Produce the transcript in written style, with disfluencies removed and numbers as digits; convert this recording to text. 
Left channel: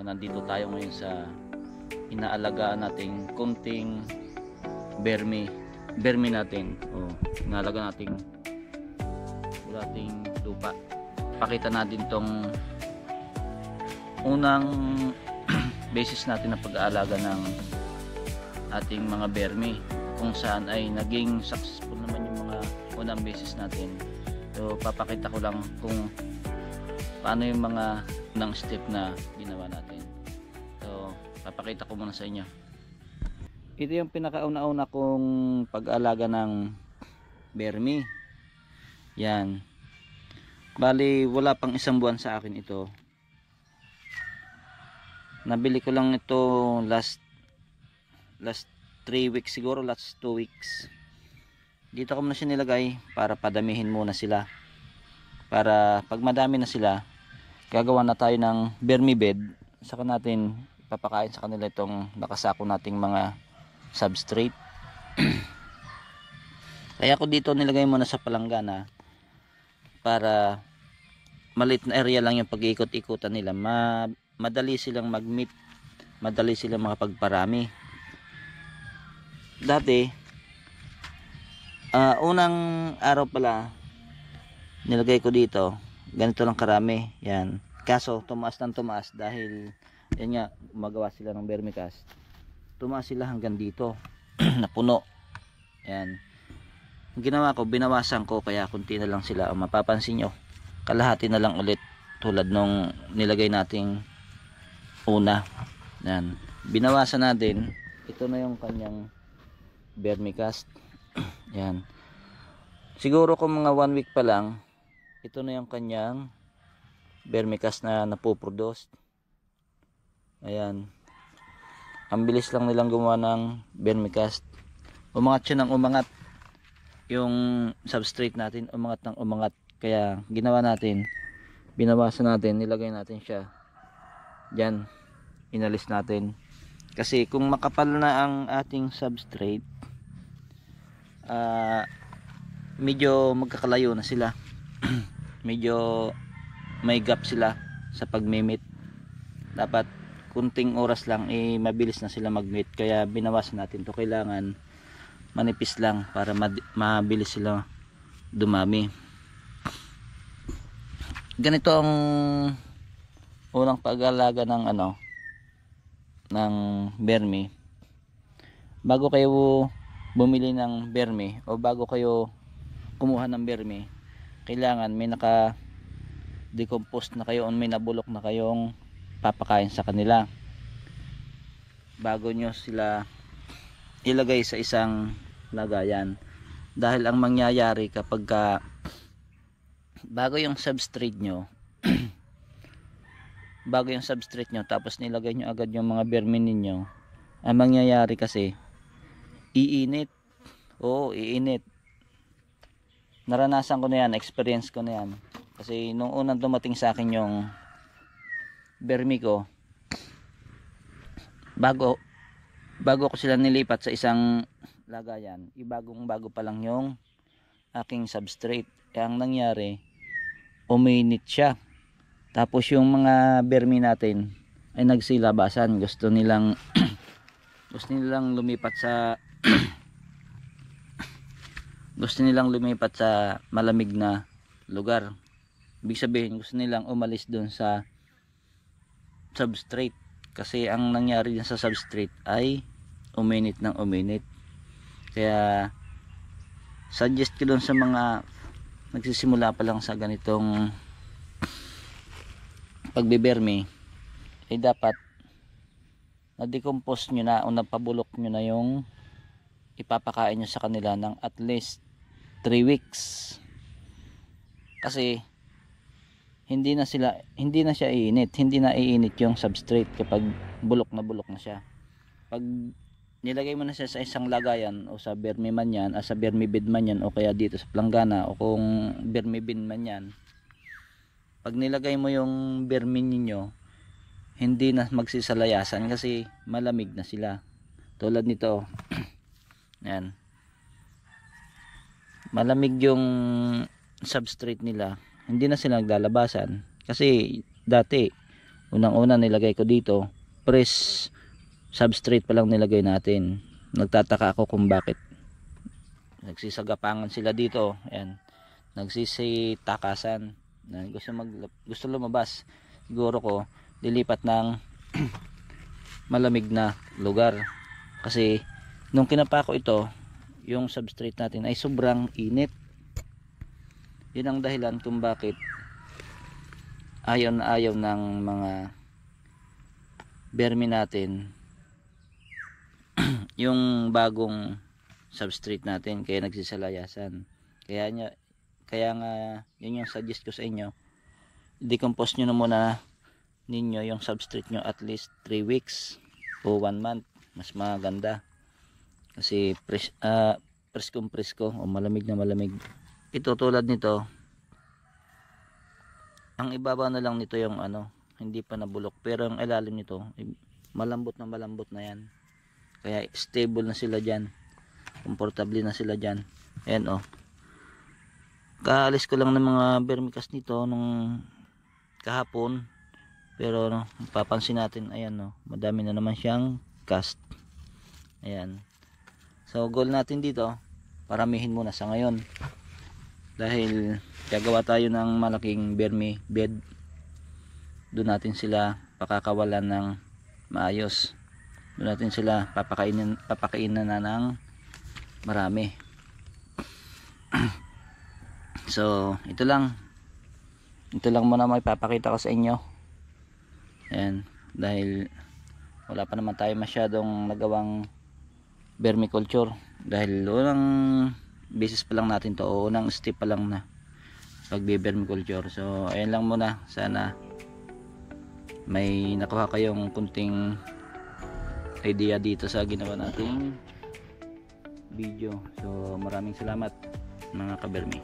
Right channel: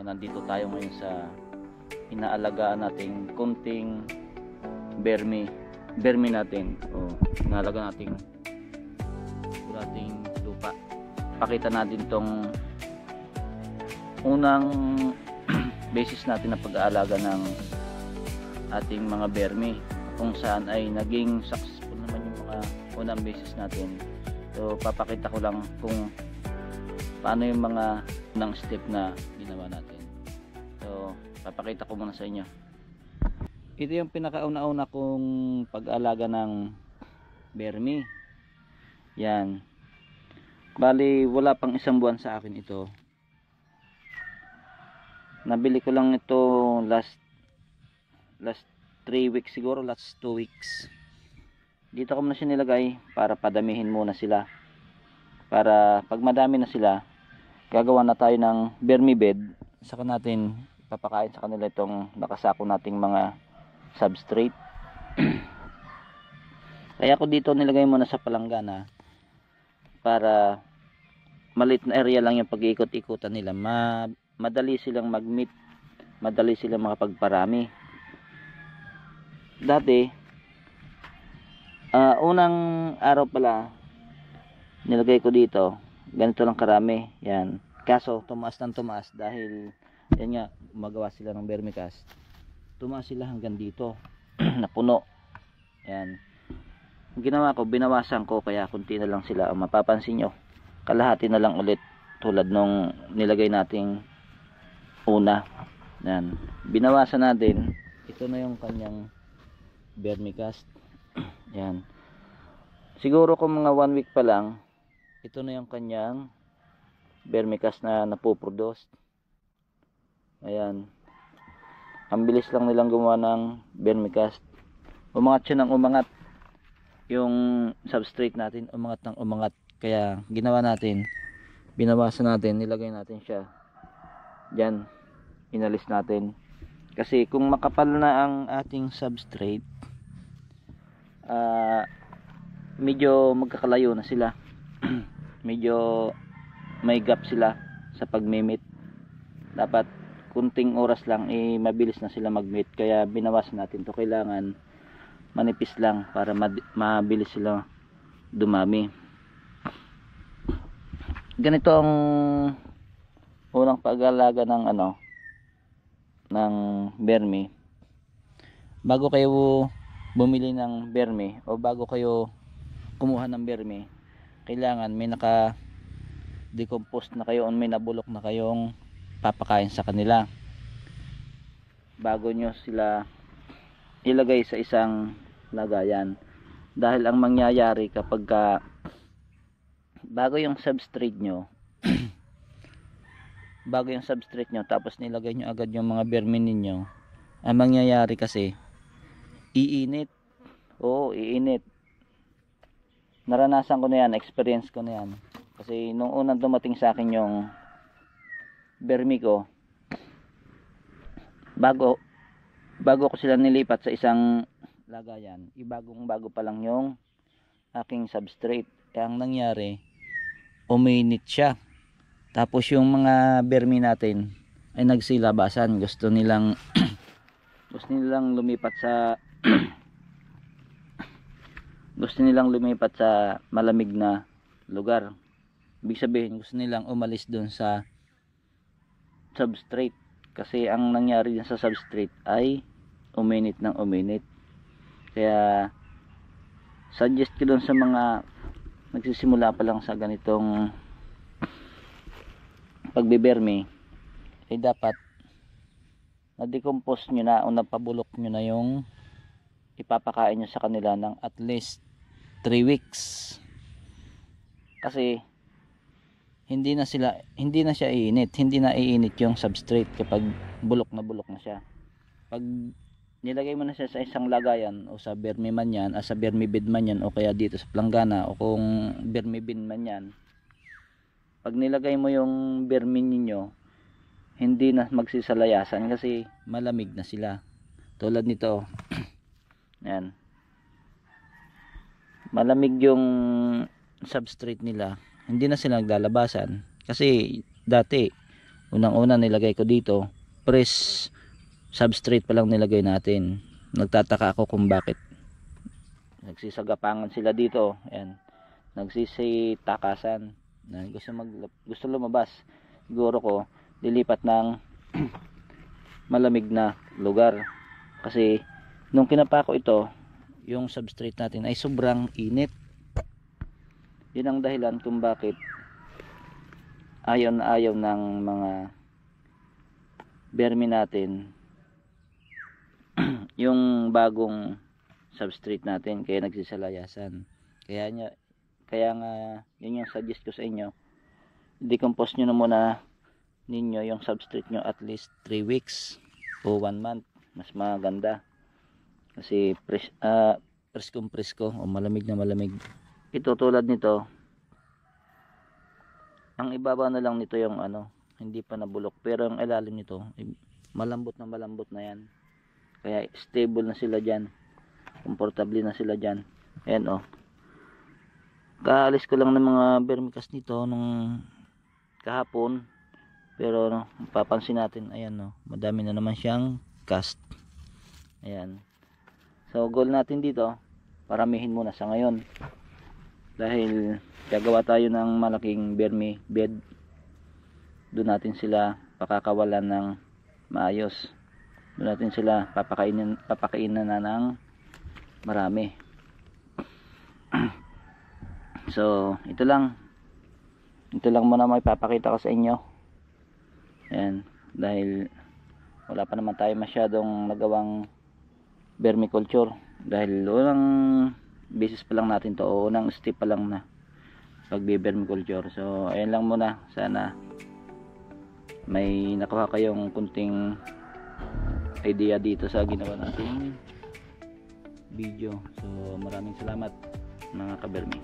Nandito tayo ngayon sa inaalagaan nating kunting bermi natin. Inaalaga nating ating lupa. Pakita natin tong unang basis natin na pag-aalaga ng ating mga bermi, kung saan ay naging successful naman yung mga unang basis natin. So papakita ko lang kung paano yung mga unang step na ginawa natin. So papakita ko muna sa inyo. Ito yung pinakauna-una kong pag-alaga ng bermi. Yan, bali wala pang isang buwan sa akin ito. Nabili ko lang ito last 3 weeks siguro, last 2 weeks. Dito ko muna siya nilagay para padamihin muna sila, para pag madami na sila gagawa na tayo ng bermi bed. Saka natin papakain sa kanila itong nakasako nating mga substrate. Kaya ko dito nilagay muna sa palanggana para maliit na area lang yung pag-iikot-ikutan nila. Madali silang mag-meet, madali silang makapagparami. Dati unang araw pala nilagay ko dito ganito lang karami, yan. Kaso tumaas ng tumaas dahil yan nga, gumagawa sila ng vermicast. Tumaas sila hanggang dito napuno. Yan, ang ginawa ko, binawasan ko, kaya kunti na lang sila. Mapapansin nyo, kalahati na lang ulit tulad nung nilagay nating una. Yan, binawasan natin. Ito na yung kanyang vermicast. Yan, siguro kung mga 1 week pa lang, ito na yung kanyang vermicast na napoproduce. Ayan, ang bilis lang nilang gumawa ng vermicast. Umangat siya ng umangat yung substrate natin, umangat ng umangat. Kaya ginawa natin, binawasan natin, nilagay natin siya dyan, inalis natin. Kasi kung makapal na ang ating substrate, medyo magkakalayo na sila. Medyo may gap sila sa pagmimit. Dapat kunting oras lang, mabilis na sila magmit. Kaya binawasan natin to. Kailangan manipis lang para mabilis sila dumami. Ganito ang unang pag-alaga ng ng bermi. Bago kayo bumili ng bermi o bago kayo kumuha ng bermi, kailangan may naka decompose na kayo o may nabulok na kayong papakain sa kanila bago nyo sila ilagay sa isang lagayan. Dahil ang mangyayari kapag bago yung substrate nyo tapos nilagay nyo agad yung mga bermi ninyo, ang mangyayari kasi iinit. Oo, iinit. Naranasan ko na yan, experience ko na yan. Kasi nung unang dumating sa akin yung bermi ko, bago ko sila nilipat sa isang lagayan, bago pa lang yung aking substrate. Kaya ang nangyari, uminit siya. Tapos yung mga bermi natin ay nagsilabasan. Gusto nilang lumipat sa malamig na lugar. Ibig sabihin, gusto nilang umalis doon sa substrate. Kasi ang nangyari din sa substrate ay uminit ng uminit. Kaya suggest ko doon sa mga nagsisimula pa lang sa ganitong pagbibermi, ay dapat na-decompose nyo na o napabulok nyo na yung ipapakain nyo sa kanila ng at least 3 weeks. Kasi hindi na siya iinit, hindi na iinit yung substrate kapag bulok na siya. Pag nilagay mo na siya sa isang lagayan o sa bermi man yan, sa bermi bed man yan, o kaya dito sa planggana, o kung bermi bin man yan, pag nilagay mo yung bermi ninyo, hindi na magsisalayasan kasi malamig na sila. Tulad nito yan, malamig yung substrate nila, hindi na sila naglalabasan. Kasi dati Unang-una nilagay ko dito, press substrate pa lang nilagay natin. Nagtataka ako kung bakit nagsisagapangan sila dito. Ayan, nagsisitakasan na gusto lumabas. Siguro ko lilipat ng malamig na lugar, kasi nung kinapa ko ito, yung substrate natin ay sobrang init. Yun ang dahilan kung bakit ayaw na ayaw ng mga vermi natin yung bagong substrate natin, kaya nagsisalayasan. Kaya nga yun yung suggest ko sa inyo, decompose nyo na muna ninyo yung substrate nyo at least 3 weeks o 1 month, mas maganda. Kasi presko o malamig na malamig. Ito tulad nito, ang ibabaw na lang nito yung hindi pa nabulok, pero ang ilalim nito malambot na yan. Kaya stable na sila dyan, komportable na sila dyan. Ayan kaalis ko lang ng mga vermicast nito nung kahapon, pero papansin natin, ayan madami na naman siyang cast. Ayan, so goal natin dito, paramihin muna sa ngayon, dahil gagawa tayo ng malaking vermi bed. Doon natin sila pakakawalan ng maayos, doon natin sila papakainan na ng marami. So ito lang muna may papakita ko sa inyo. Ayan, dahil wala pa naman tayo masyadong nagawang vermiculture, dahil unang basis pa lang natin to, o unang step pa lang na pagbe-vermiculture. So ayan lang muna, sana may nakuha kayong kunting idea dito sa ginawa nating video. So maraming salamat mga kabermi.